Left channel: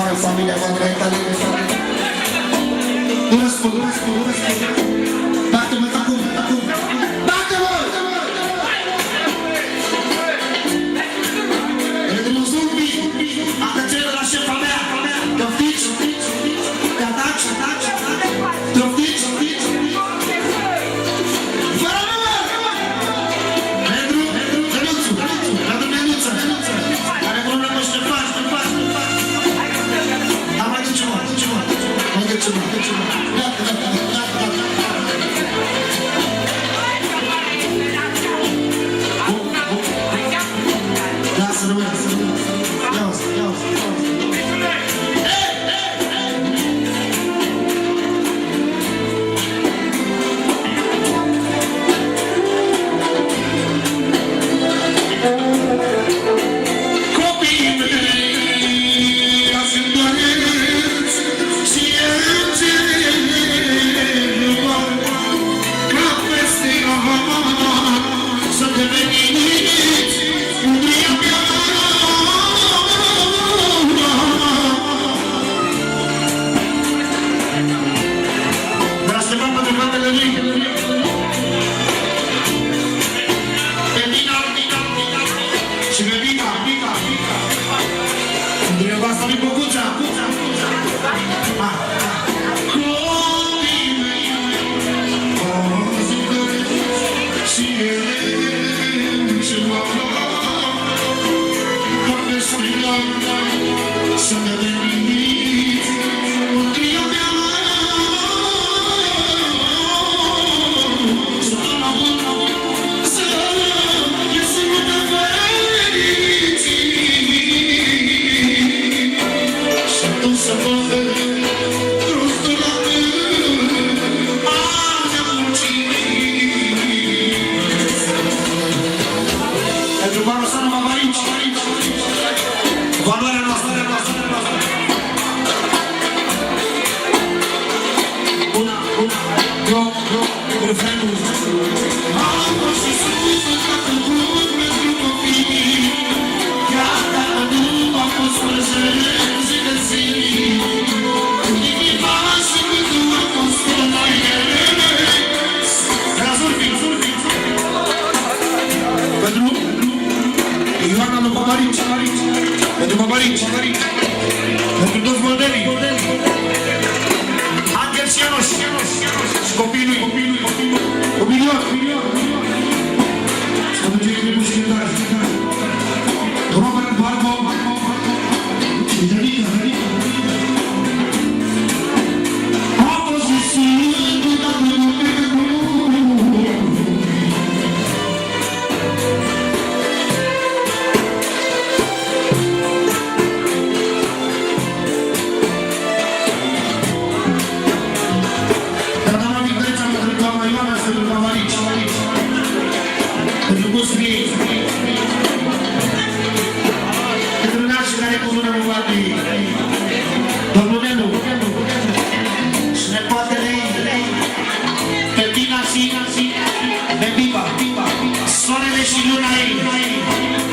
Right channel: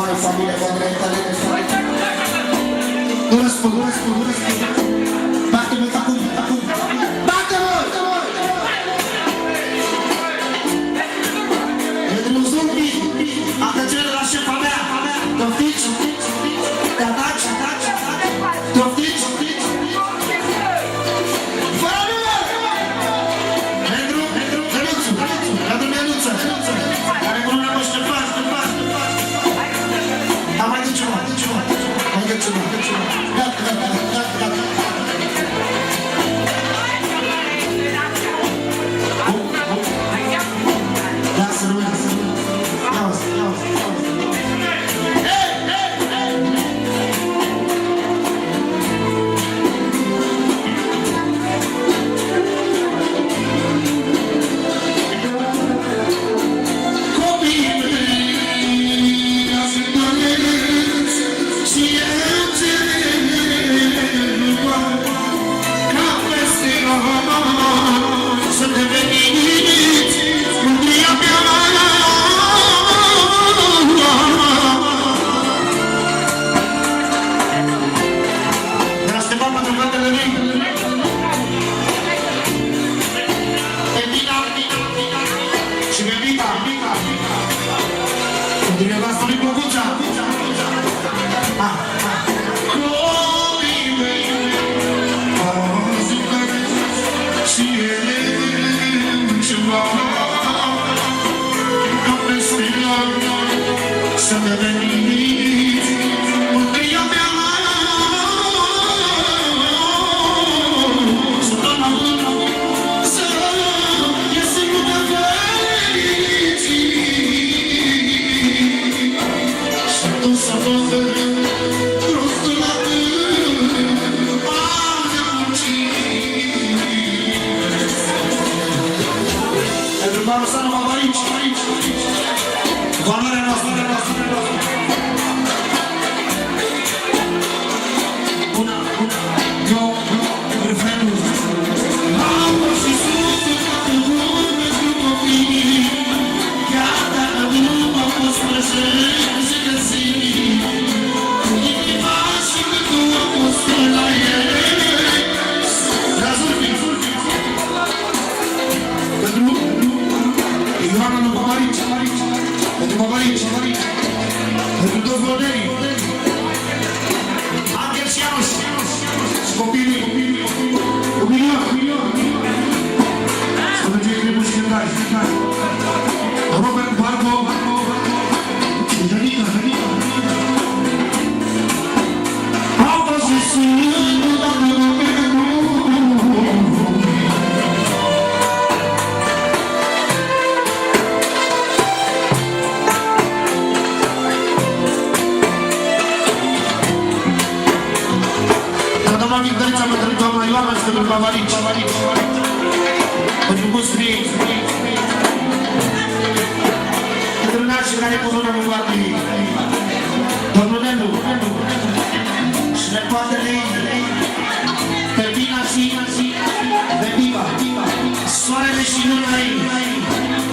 moară familia voastră italiană. Nu răspund. Bate-mă acum. Bate-mă! Redrumul zumbi, atăcere de la șefa mea. Toftici? Te ataci? Toftici? Fără număr! Redru Meluță. Care bună mă Ștefan. Dar mai duce mă.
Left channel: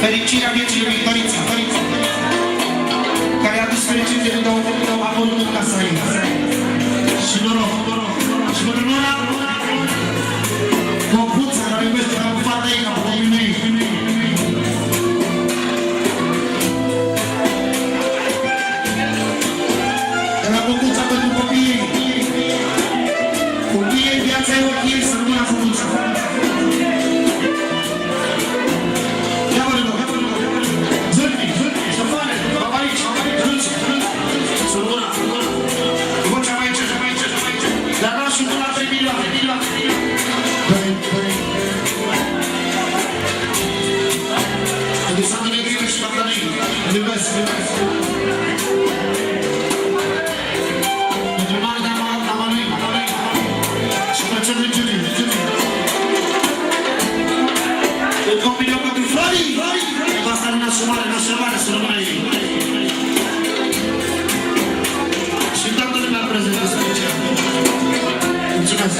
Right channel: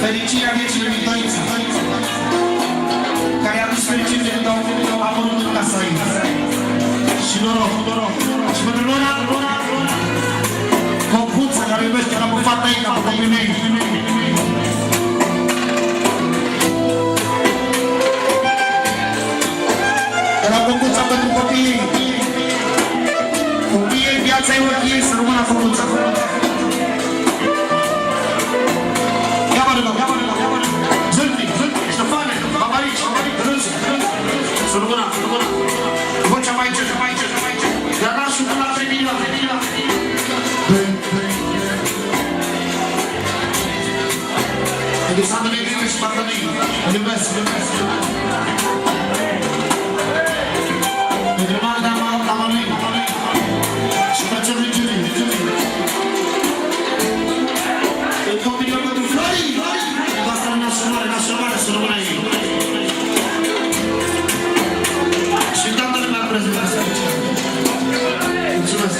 Fericirea vieții lui Tărița, care a adus fericire când a apărut în casa ei. Și noroc. Și pentru Nora, Concuță, care iubește la fata ei, ca pe copiii mei. De la Concuța pentru copiii ei. Copiii ei, viața ei, ochii ei, să rămână Concuța. Alexandru Negriu și Bartălăi, îl iubesc. Pentru mare de Amalui și plăcere de Giulie. Îl copil eu pentru Florii, pentru asta naționale, să rămână ei. Și toată lumea prezentă să aici. Mulțumesc.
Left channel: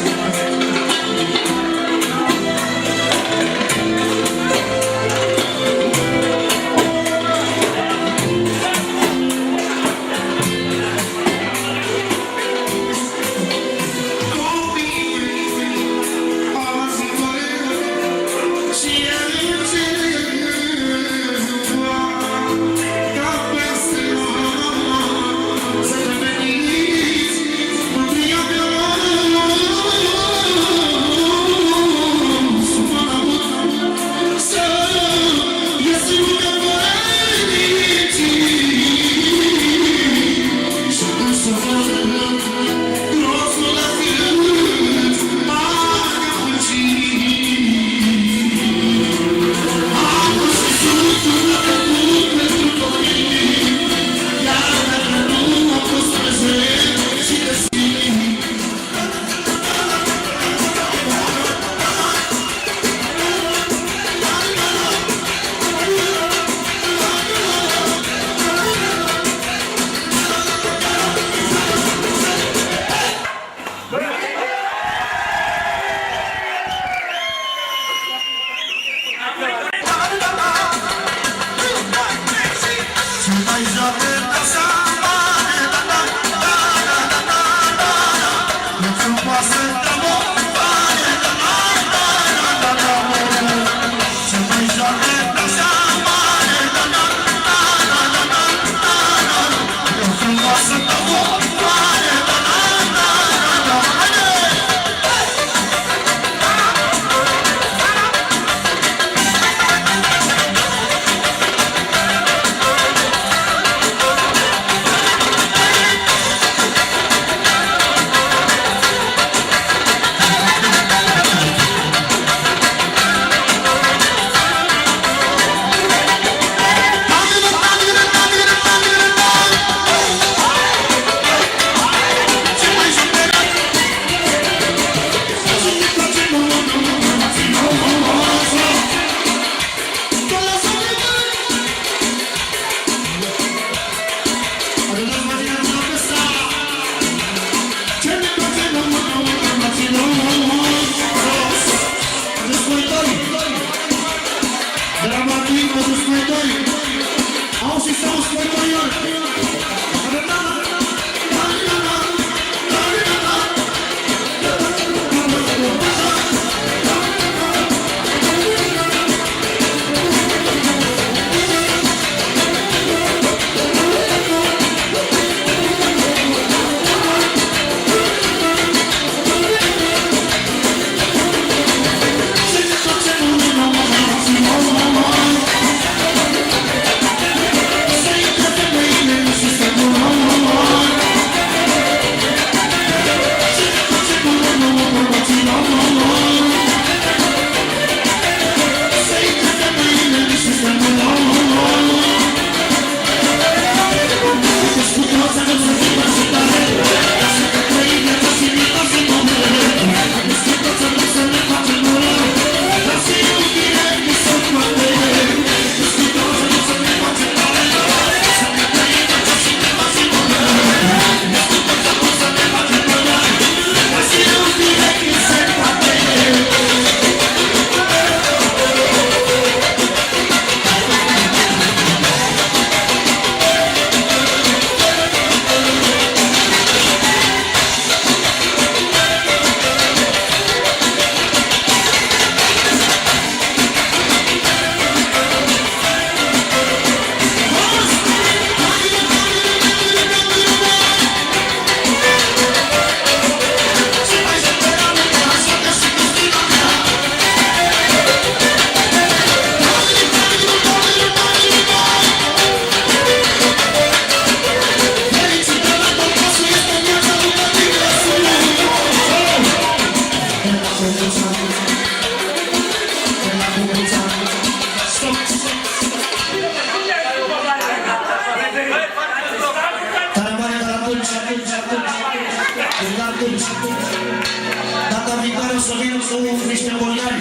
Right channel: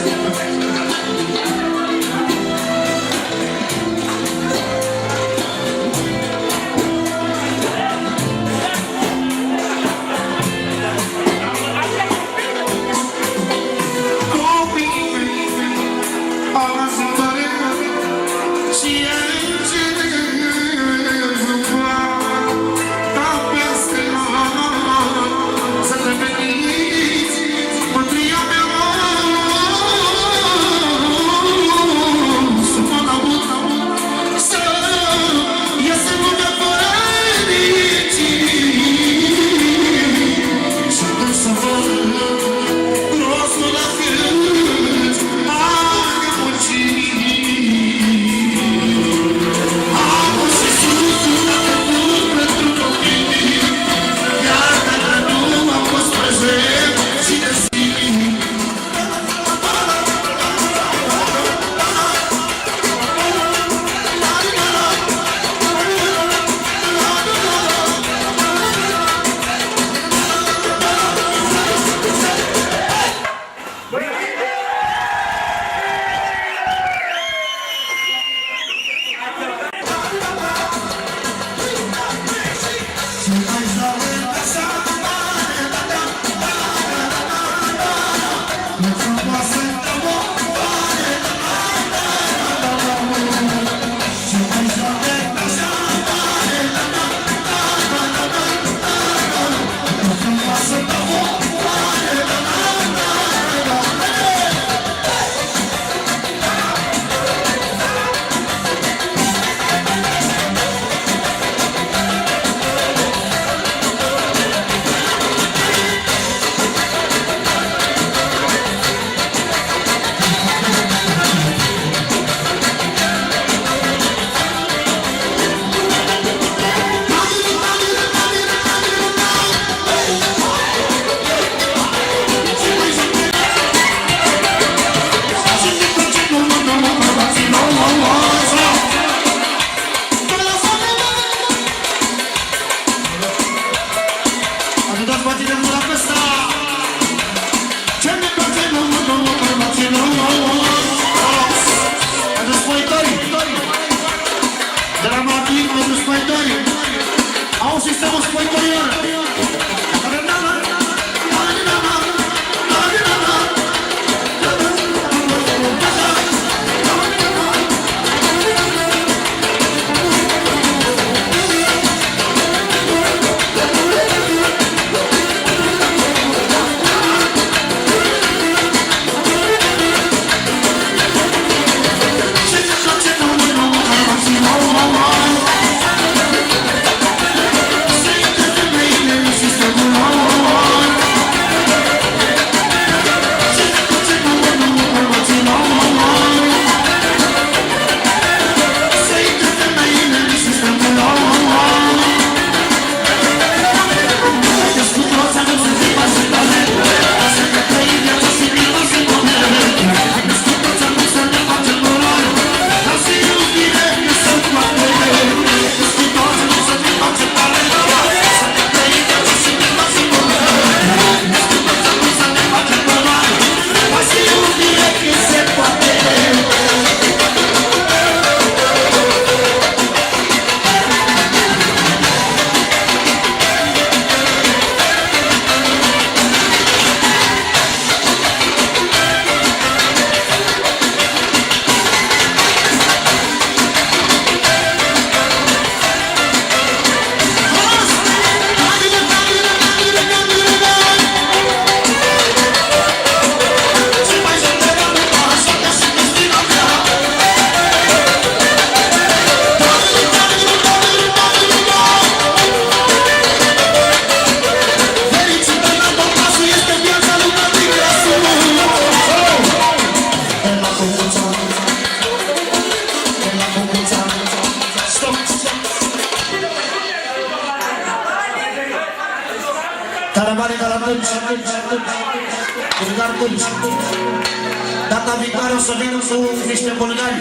viitoare o să vin cu niște bulgari.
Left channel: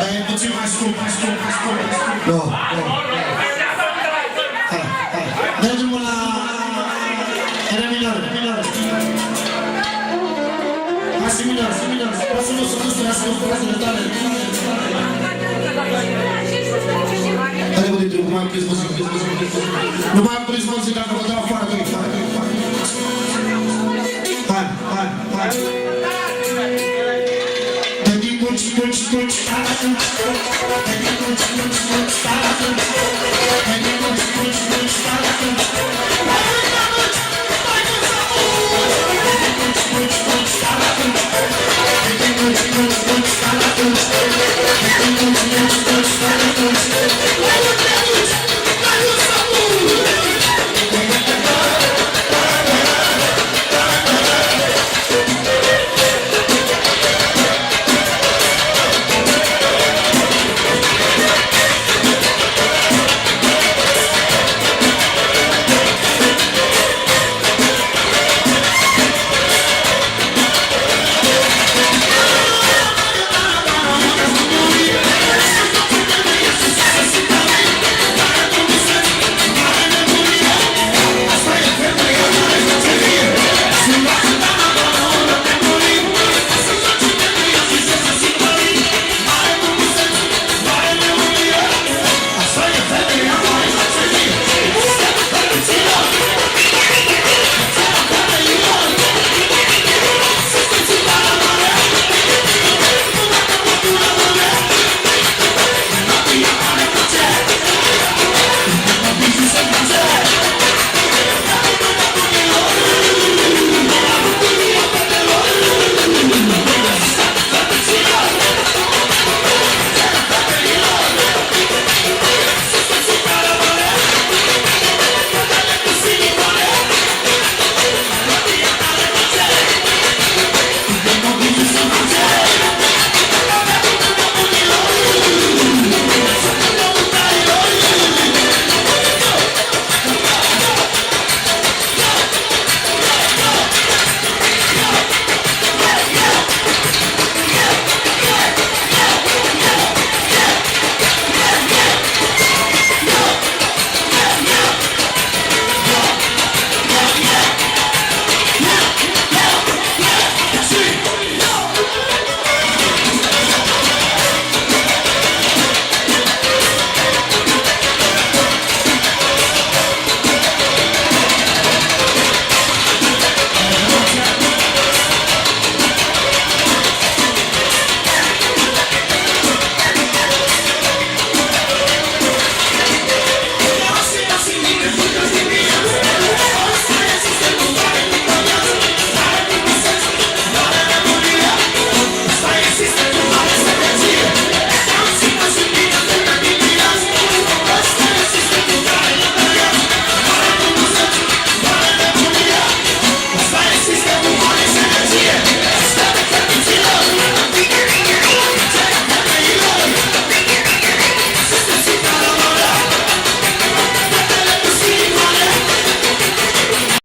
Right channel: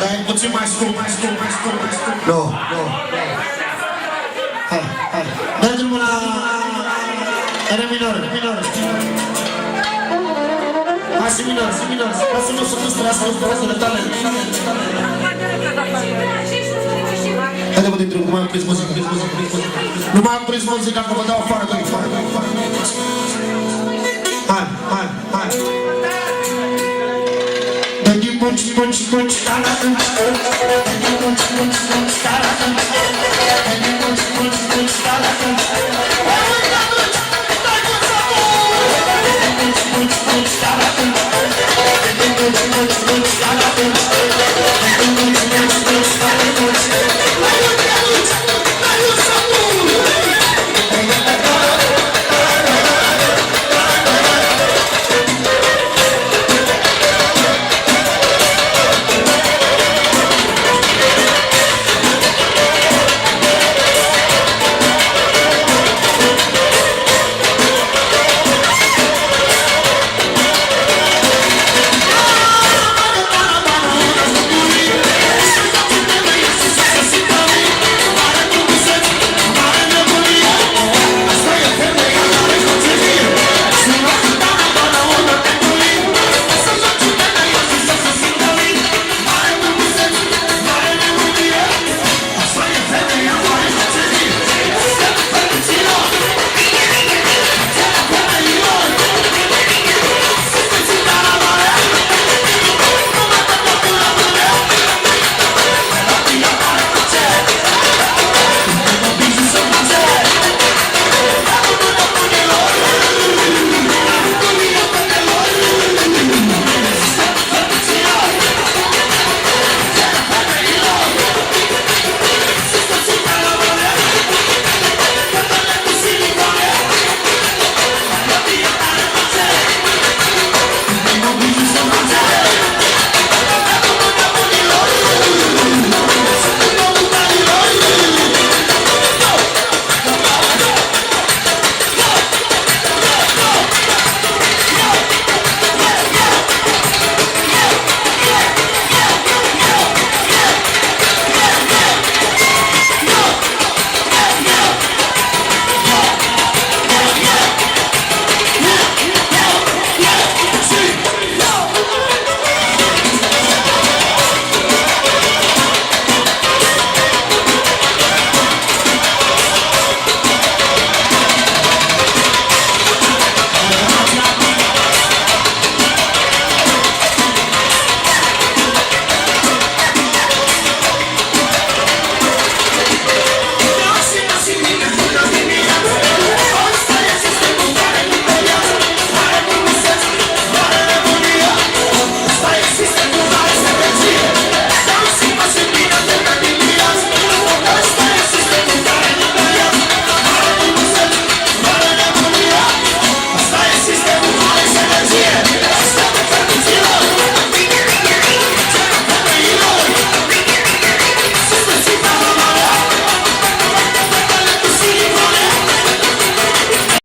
Dar e puțin mai scump. Nu. Hai. Mergem la re minor. Hai si minor. Poți să nu să păstrea să frăzele tale. Haide mă din nu mai am prins muzica. Nu mai am prins muzica, că vă dau afară. Hai. Dă-i punci, stala sunt. Dă-i punci, stala sunt.